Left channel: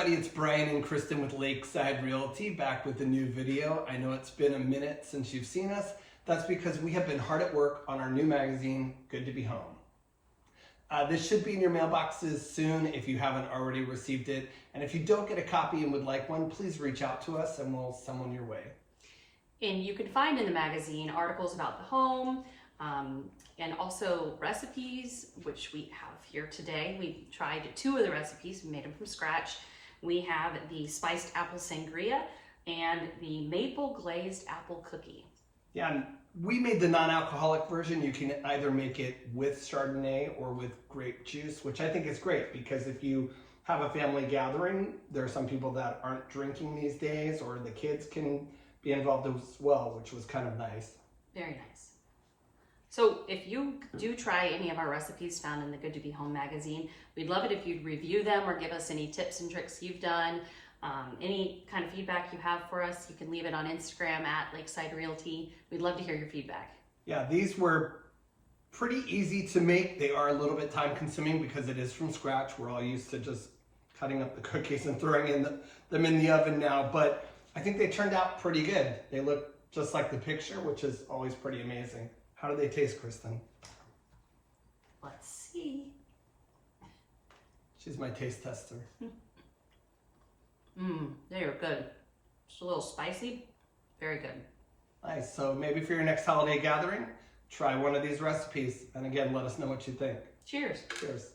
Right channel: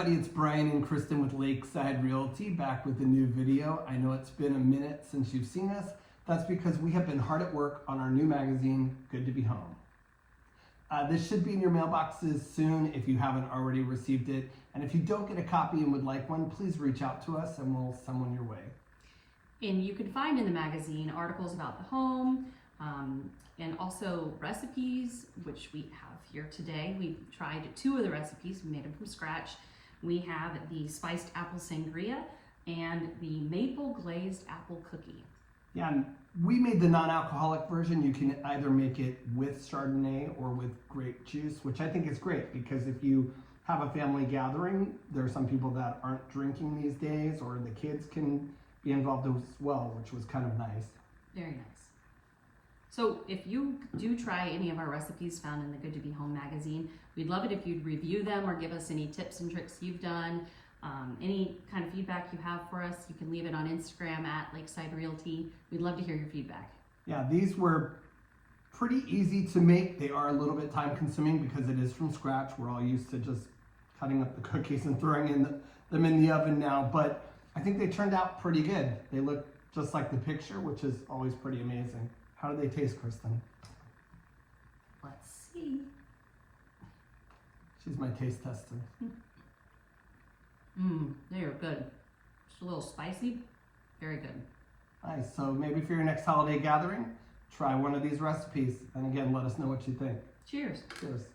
everybody, it's Brian and Kristen with Lakeside Realty, back with a new video. I know it's been a minute since you've seen us. That's because we have been hard at work on our new magazine, Good to Be Home. This should be in your mailboxes soon if you haven't already received it. And if you don't get a copy and would like one, please reach out to us and we'll send one your way. And you can find in the magazine articles about the home, and also recipes, which we have here today. We tried 2 of the recipes, we made them from scratch. We have the spiced apple sangria and the maple glazed apple cookie. Yeah, and we made the non-alcoholic version. You can either make it with Chardonnay or with grape juice, which I think is great because if you have a family gathering, there are some people that aren't drinking these days, or the kids can be involved as well, which was kind of nice. Very nice. So if you do try any of our recipes found in the Good to Be Home magazine, we'd love it if you'd review them or give us any tips and tricks you've done. Any kind of feedback you have for us, you can leave it on Instagram at Lakeside Realty. We'd love to hear your feedback. Yeah, these were pretty easy to make. They are a little bit time consuming because it is from scratch. We're all used to just cutting up the cookies and throwing them in the oven now, but I think they turned out pretty good. They look just like the picture, which is always pretty amazing. How do they taste, Kristen? Let's see. She's my taste tester. They are good. Just a little spicy. Very good. Nice. So maybe for your next holiday gathering, try one of these recipes. And again, let us know what you think. Cheers. Cheers.